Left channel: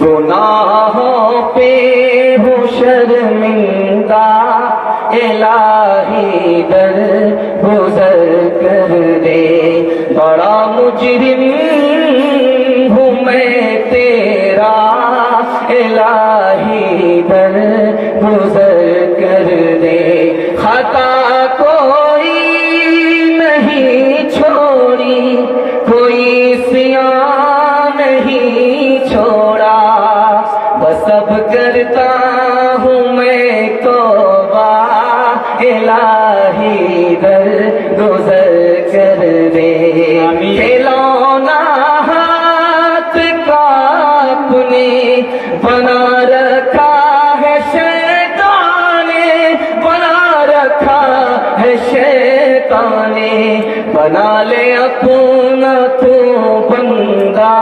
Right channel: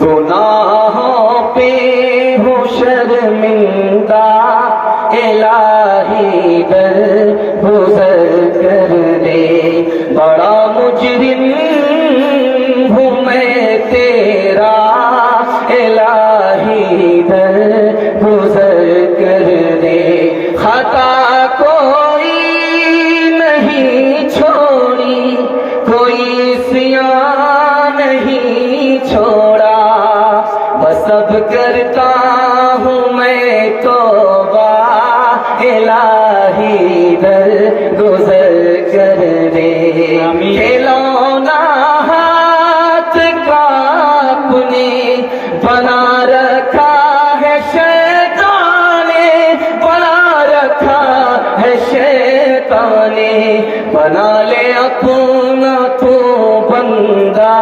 گناہوں پہ ہو شرمندہ الہی در گزر کر دے، بڑا مجرم ہوں میں تیرا الہی در گزر کر دے، خطا کوئی نہیں چھوڑی، کوئی سیاہ نہیں چھوڑا، بس اب کرتا ہوں میں توبہ الہی در گزر کر دے، کھلونا ہاتھ کا اپنے بنا رکھا ہے شیطان نے، بنا رکھا ہے شیطان نے، بنا لے اپنا تو بندہ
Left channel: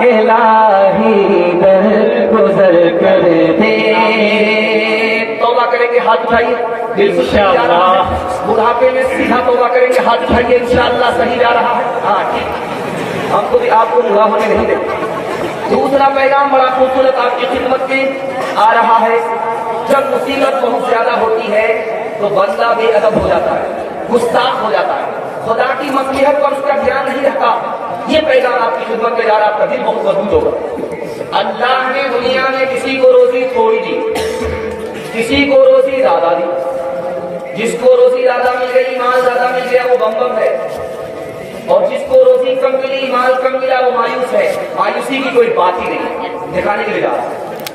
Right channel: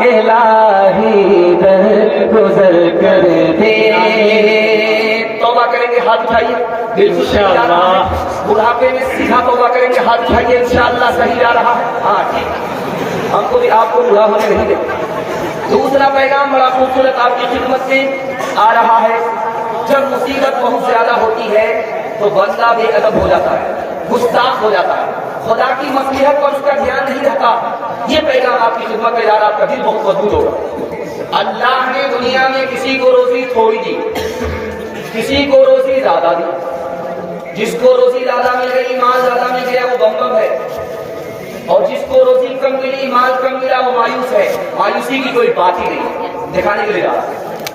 الہی در گزر کر دے۔ توبہ کریں گے ہاتھ اٹھائیے، دل سے انشاءاللہ بڑھاپے میں سیدھا توبہ کریں گے، ہاتھ اٹھائیے، انشاءاللہ صحیح جا رہا ہے۔ ہاں ٹھیک، ہم کو بھی آپ کو بڑھا ہونے نہیں دیں۔ دوسرا پیغام بڑا خوبصورت آپ کی خدمت میں آ رہا ہے، جب مصیبت بہت زیادہ ہوتی ہے تو بندہ بے ادب ہو جاتا ہے، گستاخ ہو جاتا ہے، خدا کی مصلحت پر اس کا دھیان نہیں رہتا۔ یہ پیغام آپ کی خدمت میں جا رہا، آپ کا دل بہت مضبوط ہوگا۔ اللہ نے دنیا میں کسی کو روزی تھوڑی دی، کسی کو روزی زیادہ دی، جس کو روزی زیادہ مل گئی، مال زیادہ مل گیا، وہ بم ہے، اور جس کو روزی کم ملی، مال کم ملا، وہ مایوس ہے۔ مایوسی کی کوئی بات ہی نہیں، دکھانے کے لیے جا رہا۔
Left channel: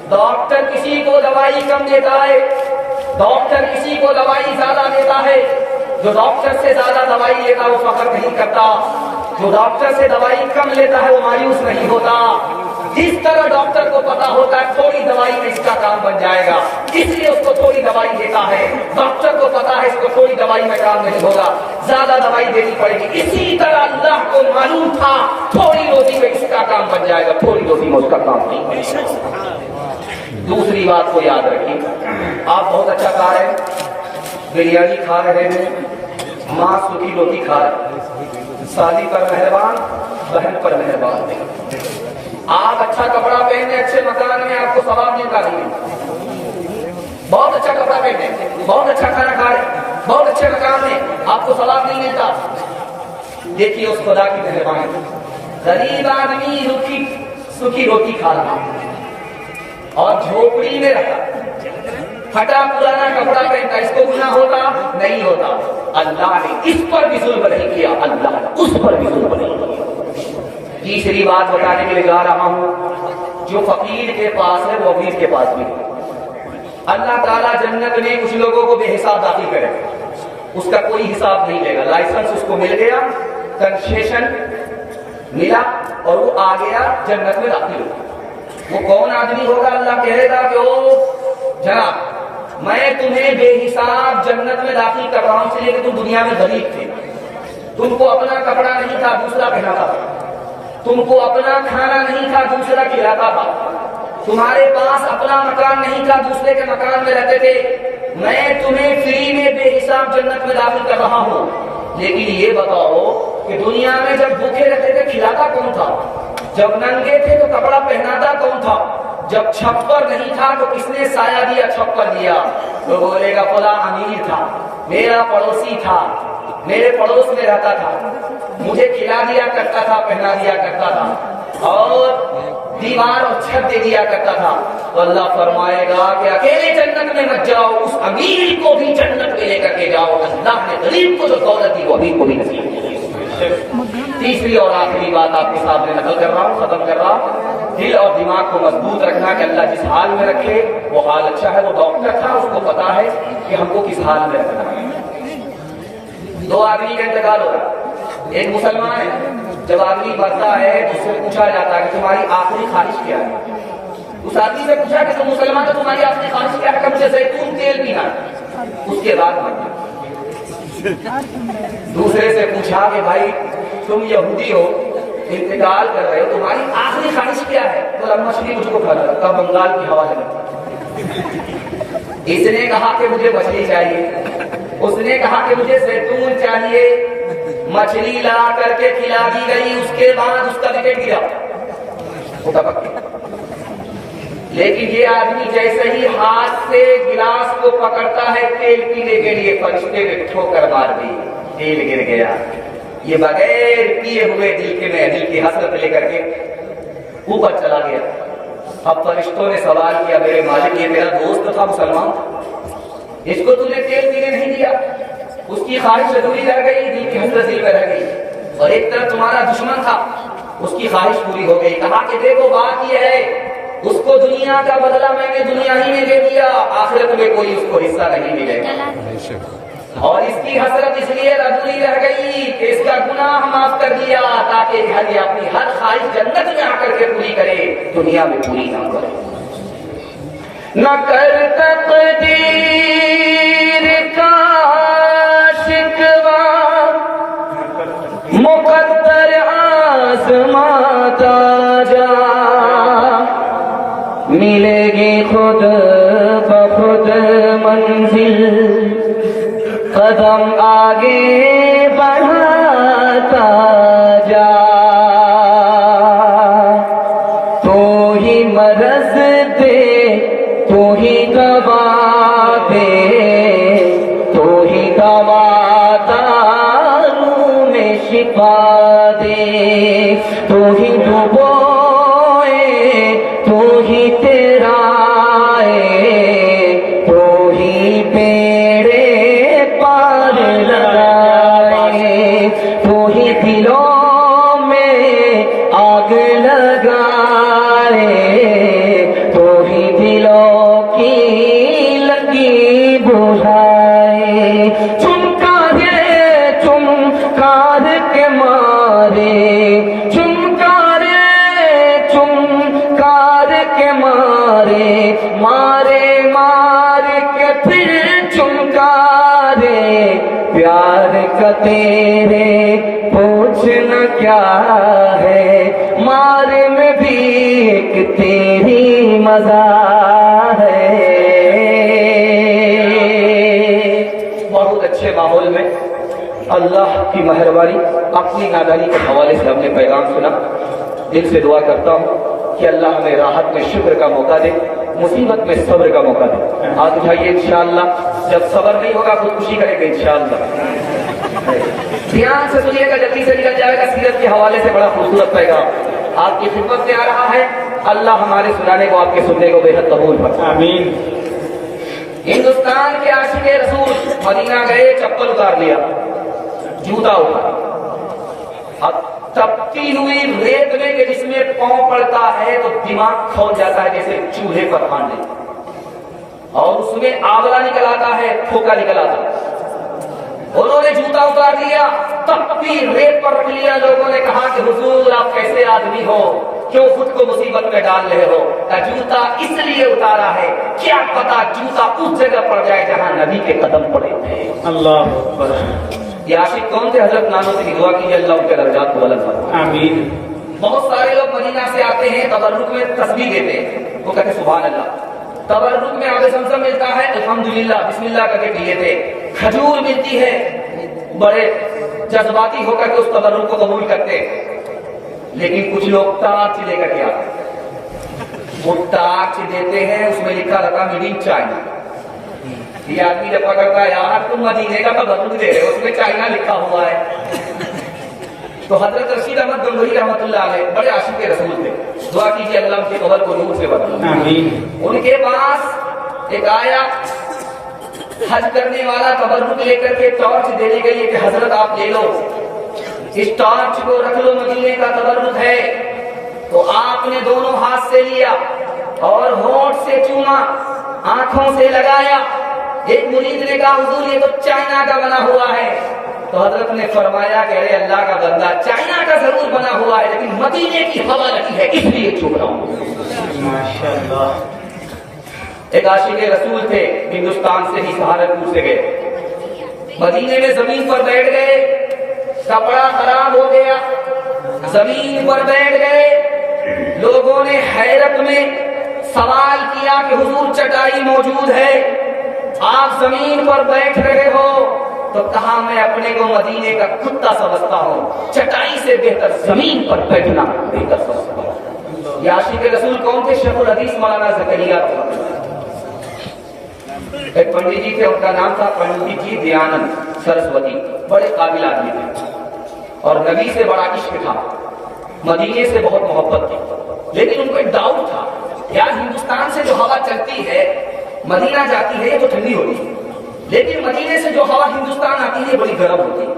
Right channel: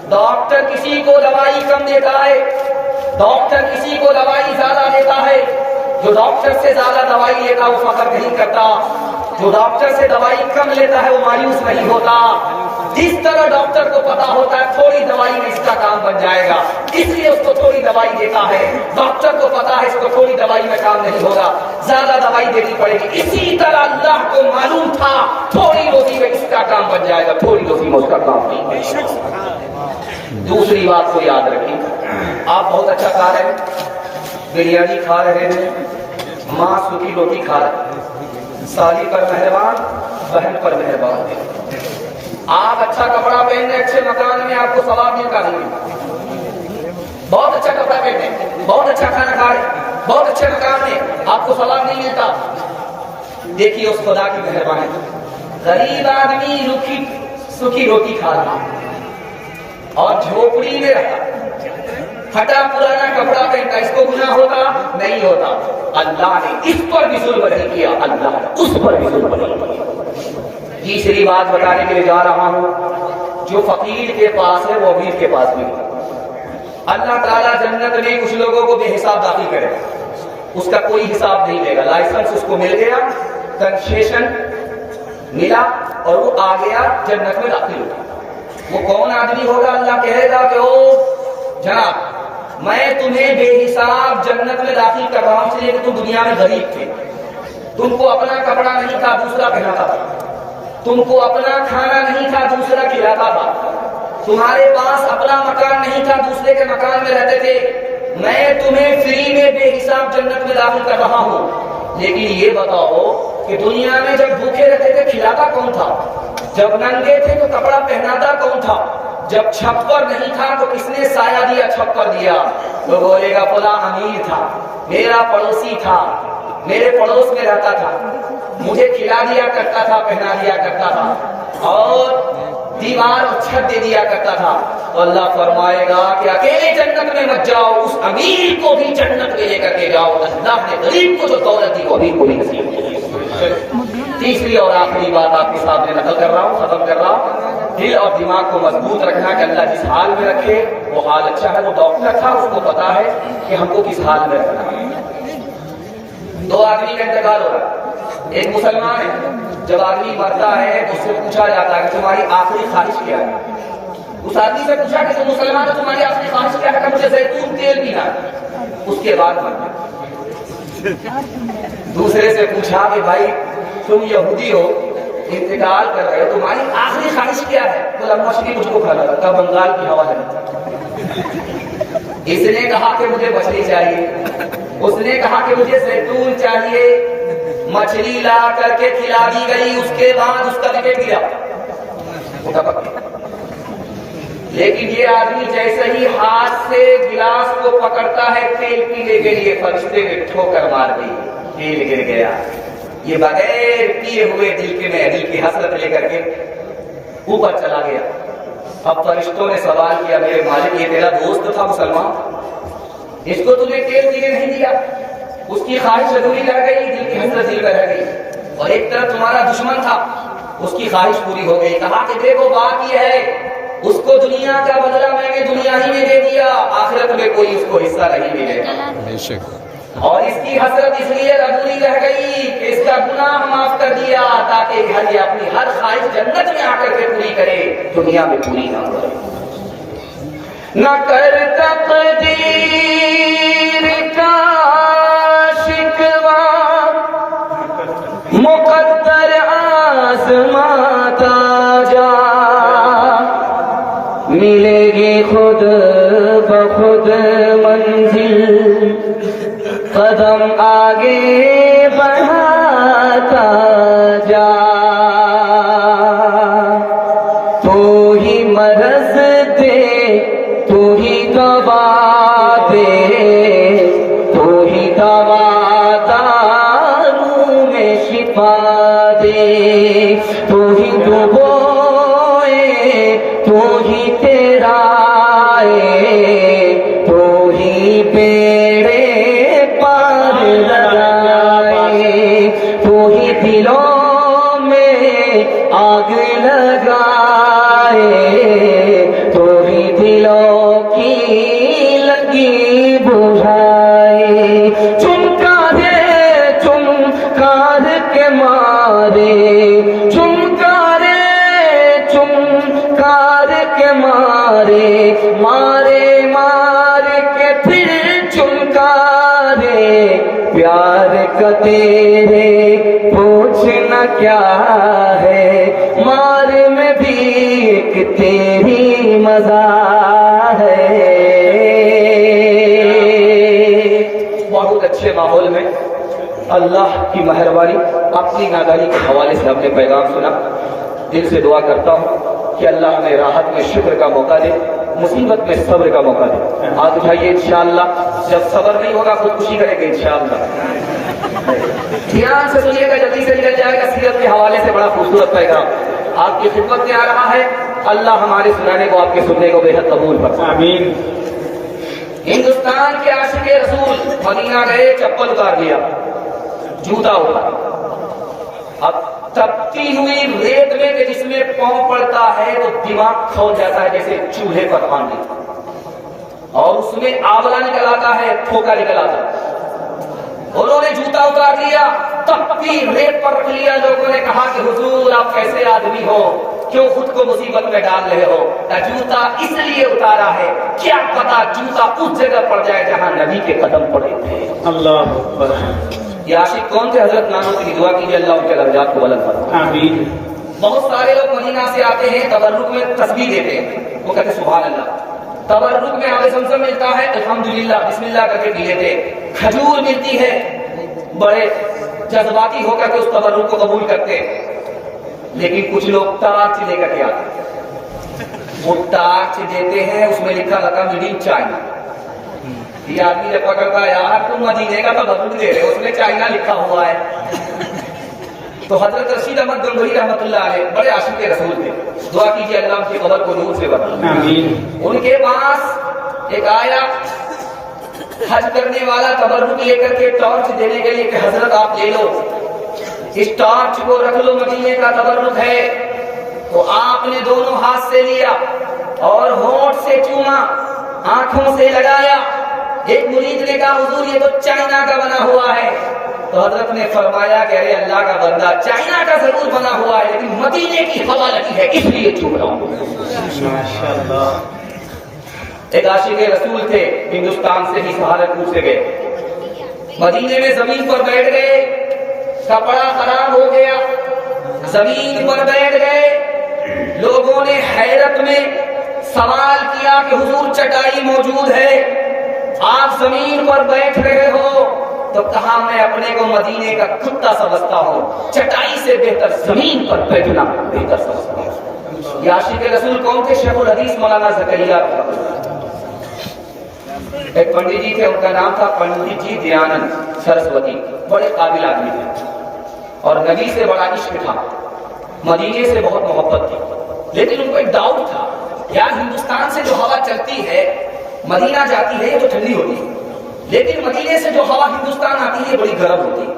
ڈاکٹر کسی کو دوائی کم دیتا ہے، ڈاکٹر کسی کو دوائی زیادہ دیتا ہے، جو ڈاکٹر سے زیادہ دوائی لیتا وہ فخر نہیں کرتا، جو ڈاکٹر سے دوائی کم لیتا ہے وہ مایوس نہیں ہوتا۔ جس طرح ڈاکٹر کو پتا ہوتا ہے تھوڑی دوائی میں اس کا کام بن جائے گا، اس لیے اس کو تھوڑی دوائی دیتا ہے۔ ڈاکٹر کو پتا ہے اس کو تھوڑی دوائی میں کام نہیں ہوگا، زیادہ دوائی دینی پڑے گی۔ اسی طرح اللہ کو معلوم تھا تھوڑی روزی میں اس کا کام بن جائے گا، تھوڑی روزی میں اس کا کام نہیں بنے گا۔ دوسری بات کو یاد رکھیے، آپ بہت اچھا کھا رہے ہیں، بریانی کھا رہے ہیں، ماں سوکھی روٹی کھا رہے ہیں، سالی پر مہربان، بہن پر مہربان۔ آپ اچھا کپڑا پہنے، اچھے مکان میں، آپ کو ثواب ملتا نہیں۔ بہت اچھا کپڑا پہنے، بہت اچھا کھانا کھا رہے، بہت اچھے مکان میں، آپ کو ثواب نہیں ملتا۔ دیکھیے اس خدا کی مہربانی، غریب آدمی سوکھی روٹی کھا رہا اور جھوپڑی میں رہتا، پھٹا پرانا کپڑا پہنتا، اس کو گناہ ہوتا نہیں ہوتا؟ اللہ نے اس پر بھی ظلم نہیں کیا، اللہ نے اس پر بھی ظلم نہیں کیا۔ تیسری بات بتانے کے لیے جا رہا ہوں، جو فقیر کے پاس ہے وہ امیر کے پاس بھی ہے۔ اللہ تعالیٰ جنت میں کچھ لوگوں کو بے حساب داخل کرے، اس کا کوئی حساب نہیں لے گا، لائسنس اس کو مل گیا، کنسیشن ملا اور وہ آ گیا جنت میں داخل ہو۔ وہ کون آدمی ہوگا؟ اللہ کہے گا کہ او جناب، میں تمہیں بے حساب جنت میں داخل کر رہا ہوں اس لیے کہ تم دنیا میں غریب تھے، تم کو اپنا کپڑا نہیں تھا، دوسرا پہناتا تھا، تم کو اپنا کھانا نہیں تھا، دوسرا کھلاتا تھا، تمہارے پاس اپنا مکان نہیں تھا، دوسرے کے مکان میں رہتے تھے، میں تمہیں فری میں بے حساب جنت میں داخل کر رہا ہوں۔ لیکن یہ بتاؤ کہ دنیا میں جب بھوکے رہتے تھے کھلاتا کون تھا؟ جب ننگے تھے تو کپڑا پہناتا کون تھا؟ جب چھپر نہیں تھا تو کس نے سایہ دیا، چھپر دیا؟ وہ بولے گا فلاں امیر تھا، میرا پڑوسی تھا، میرے پڑوس میں رہتا تھا، مجھے کھلا دیا کرتا تھا، پہنا دیا کرتا تھا، اور دیوار اور چھت دے دیا کرتا تھا۔ تو اللہ فرمائے گا کہ اکیلے جنت میں مت جاؤ، اس امیر کو بھی جنت میں لے کر کے جاؤ۔ اللہ نے غریب کو جو دولت دی وہ امیر کو بھی نصیب کی۔ تیسری اور آخری بات آپ کے سامنے نقل کر رہا ہوں، ختم کر رہا ہوں، دل اور دماغ کو مضبوط رکھنا کہ اللہ جس حال میں رکھے وہ حال اچھا ہے۔ وہ ڈاکٹر تھا، اس کو پتا ہے کہ ہم کو کس حال میں رکھنا ہے۔ دو آدمی کا انتقال ہو رہا ہے، ایک مسلمان ہے، جب آدمی مرتا ہے تو اس سے پوچھا جاتا ہے کہ تمہاری آخری خواہش کیا ہے؟ اس آدمی سے پوچھا کہ تم مسلمان تو تمہاری آخری خواہش کیا ہے؟ کہ مجھے زیتون تیل پینا ہے۔ اس کے بعد مر گیا۔ دوسرے سے پوچھا کہ بھائی تم یہودی ہو، انتقال کر رہے ہو، تمہاری آخری خواہش کیا ہے؟ بولا مچھلی مجھ کو کھانا تھا، بنگال کی ہوا ہے۔ اس نے کہا کہ مجھے مچھلی چاہیے، اس نے کہا کہ مجھے زیتون چاہیے، مچھلی لا کر کے کھلا دی گئی، اس کے بعد اس کا وکٹ گرا، لیکن یہ آدمی جیسے ہی ہاتھ سے گلاس کو پکڑتا ہے تیل پینے کے لیے، فرشتے نے ٹھوکر مار دی، تیل گر گیا۔ یہ بغیر پیے ہوئے دل کی حسرت لے کر کے اوپر چلا گیا۔ اب فرشتوں نے سوال کیا، میرے مالک یہ میرا دوست تھا مسلمان، اس کو تُو نے تیل پینے نہیں دیا، اس کی خواہش ادھوری رہ گئی، دل کی حسرت دل پہ رہ گئی، اور ایک طرف تمہارا دشمن تھا، اس کی خواہش پوری ہو گئی۔ کہا کہ دیکھو بات یہ ہے، اس کو دنیا کا بدلہ میں نے دنیا ہی میں دے دیا، آخرت میں کوئی اس کو حصہ نہیں ملے گا، اور اس کی حسرت اس لیے ادھوری رہ گئی کہ اس کا گناہ معاف کر دیا تاکہ یہ اپنی ہر خواہش جنت میں آ کر کے پوری کرے، دنیا میں پوری نہ کرے۔ نہ کر تقدیر کا شکوہ مقدر آزماتا جا، ملے گی خود بخود منزل، قدم آگے بڑھاتا جا، تو ہی مرض دے تو ہی دوا دے، تو ہی دوا دارو میں شفا دے، تو ہی ڈبوئے تو ہی تیرائے، تو ہی بیڑے پار لگائے، تو ہی دلوں میں آگ لگائے، تو ہی دلوں کی لگی بجھائے۔ چمکار کے مارے، چمکار کے مارے، مارے مار کے پھر چمکارے، پیار کا تیرے پوچھنا کیا ہے، مار میں بھی ایک تیری مزہ ہے۔ بہت اچھے ماحول میں اللہ کی مہربانی اپنی نادانی کے حوالے سے ہم نے پیغام سنا۔ دل سے دعا کرتا ہوں کہ اللہ ہمیں راحت میں شکر کا موقع دے، مصیبت میں صبر کا موقع دے۔ آج اٹھائیے انشاءاللہ، جب صبر نہیں ہوگا خودکشی کرے گا انشاءاللہ۔ دھیان سے سنیے گا، جلدی سے نکل جائے گا۔ سیرت کے حوالے سے بڑا خوبصورت پیغام آپ کی خدمت میں آ رہا ہے۔ اللہ ہمارے سنانے کو، آپ کے سننے کو بے حد قبول فرمائے، آمین۔ ہندوستان کے عاشق رسول مدینہ گئے، چپل اتار لیا، جوتا اٹھا، اب تپتی ہوئی ریت میں کہ جس میں پاؤں پڑتا ہے تو دماغ کھول جاتا ہے جیسے چولہے پر آنے، اور اس میں آولا نکل آتا ہے، پھوکا نکل آتا ہے۔ انہوں نے جوتا اتار لیا، تپتی ریت پر رکھ لیا۔ لوگوں نے کہا کہ حضور آپ کیسے آدمی ہو، کیوں خود کو مصیبت میں ڈال رہے ہو؟ جوتا اس لیے اتارا ہے، کیا پتا جوتا اس جگہ پڑ جائے جہاں نبی کے قدم پڑے تھے۔ اللہ اکبر۔ یہ عاشق کون تھے؟ حضرت نانو سے دعا کیجیے اللہ ان کے درجات کو بلند فرمائے، آمین۔ بہت سارے لوگ مدینہ سے آتے ہیں، تبرک میں تسبیح دیتے ہیں، وہ کہتے سبحان اللہ۔ تبرک میں آب زمزم ملتا ہے، الحمدللہ بسم اللہ کر کے پی لیتے۔ کھجور ملتی ہے، بڑے جذباتی ہو کر کے اس تبرک کو قبول کرتے۔ لیکن کچھ لوگ ٹارچ لے کر کے آتے ہیں، وہ ٹارچ دیتے ہیں، اس میں لکھا رہتا میڈ ان چائنا۔ یہ آدمی جب پکڑتا ہے یار تم مدینے کا تبرک دے رہے ہو، اس میں چائنا لکھا ہوا ہے۔ تو حضرت رشید احمد گنگوہی رحمۃ اللہ علیہ بڑے عاشق رسول تھے، دعا کیجیے اللہ ان کی قبر کو نور سے بھر، آمین۔ ان کے پاس ایک آیا حج کرنے والا تبرک لے کر کے ٹارچ دینے کے لیے کہ حضرت آپ لے لو، اس ٹارچ کو رکھ لو، مدینے کا تبرک ہے۔ تو آپ نے دونوں ہاتھ سے لیا اور ہونٹ سے چوما، آنکھوں سے لگایا۔ ایک مرید نے کہا حضور یہ تو چائنا کا بنا ہوا ہے۔ تو حضرت نے فرمایا کہ ارے اللہ کا بندہ، چائنا کا ضرور بنا ہوا ہے لیکن مدینے کی ہوا لگی ہے اس لیے چوم رہا ہوں۔ ماشاءاللہ۔ ایک عاشق رسول تھے، ہندوستان سے ہی سہارنپور سے گئے، مدینے میں زمین پر بیٹھ گئے، کپڑا خراب ہو گیا، زمین پر بیٹھ گئے۔ لوگوں نے حیرت میں سوال کیا کہ حضور چٹائی موجود ہے، آپ زمین پر بیٹھ رہے ہو؟ تو کہا میں اپنے کو مدینے کا کتا سمجھتا ہوں، چٹائی سے بہتر زمین پر بیٹھنا بہتر سمجھتا ہوں۔ یہ عاشق رسول کون تھے؟ شیخ الحدیث مولانا زکریا۔ ایک پنڈت جی تھے، ان کا نام تھا پنڈت جی دیانند سرسوتی، بڑے قابل آدمی تھے اور نبی سے بڑا عشق تھا، مدینے سے بہت محبت تھی، لیکن ان کو ایک ڈاؤٹ تھا، یار ہندوستان سے جو ہوا چلتی ہے مدینہ جاتی ہے یہ تو ٹھنڈی ہوتی ہے، لیکن مدینے سے جو ہوا ہندوستان آتی ہے یہ بڑی گرم ہوتی ہے۔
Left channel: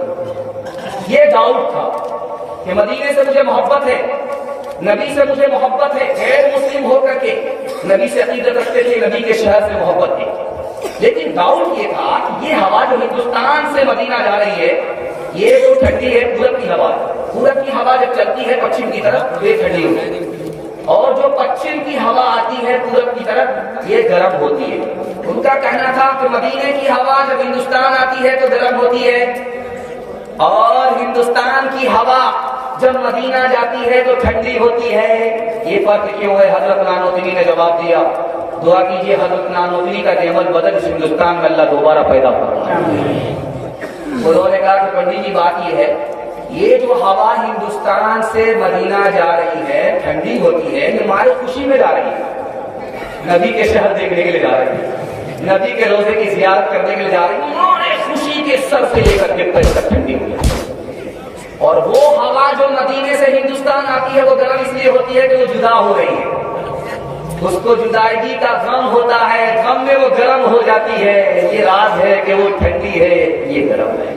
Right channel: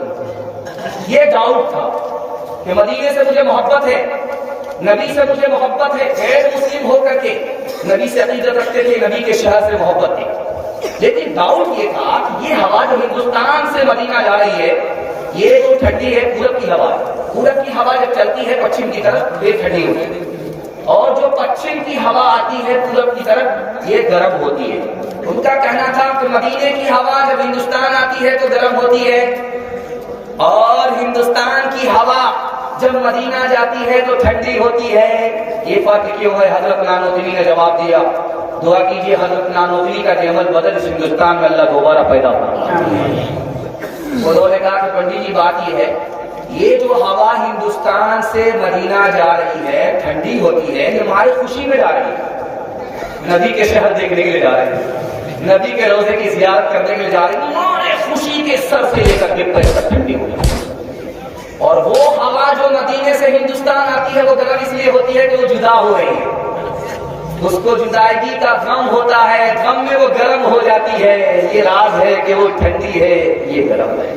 یہ ڈاؤٹ تھا کہ مدینے سے مجھے محبت ہے، نبی سے مجھے محبت ہے، غیر مسلم ہو کر کے نبی سے عقیدت رکھتے تھے، نبی کے شہر سے محبت تھی، لیکن ڈاؤٹ یہ تھا کہ یہ ہوا جو ہندوستان سے مدینہ جا رہی ہے یہ جو ٹھنڈی ہے پورب کی ہوا ہے، پورب کی ہوا جب چلتی ہے پچھم کی طرف یہ ٹھنڈی ہوتی ہے، اور جو پچھم کی ہوا آتی ہے پورب کی طرف یہ گرم ہوتی ہے۔ ان کا کہنا تھا کہ مدینے کی ہوا جب ہندوستان آتی ہے تو گرم ہوتی ہے، اور ہندوستان کی ہوا جب مدینہ جاتی ہے تو ٹھنڈی ہوتی ہے۔ یہ فرق کیوں ہے؟ حضرت نانوتوی نے جواب دیا، دعا کیجئے حضرت نانوتوی کا نعمت بدل اس ہندوستان میں اللہ دوبارہ پیدا فرمائے۔ انہوں نے کہا کہ پنڈت جی بات یہ ہے، یہ جو ہوا ہندوستان سے مدینہ جا رہی ہے ٹھنڈی ہوتی ہے، یہ ہماری خوشی میں جا رہی ہے، نبی کے شہر دیکھنے کے لیے جا رہے ہیں، نبی کے روزے کی زیارت کرنے کے لیے جا رہے ہیں، ہمارے خوشی کے سر سے لے کر کے پیر تک ٹھنڈی ہو جاتی ہے۔ اور وہ ہوا جو مدینے سے ہندوستان آتی ہے وہ گرم اس لیے ہوتی ہے کہ وہ جدا ہو رہی ہے، اس کو جدائیگی کا غم ہوتا ہے، غم میں وہ گرم ہو جاتی ہے، یہ راز ہے کہ وہ ٹھنڈی ہے یہ گرم ہے۔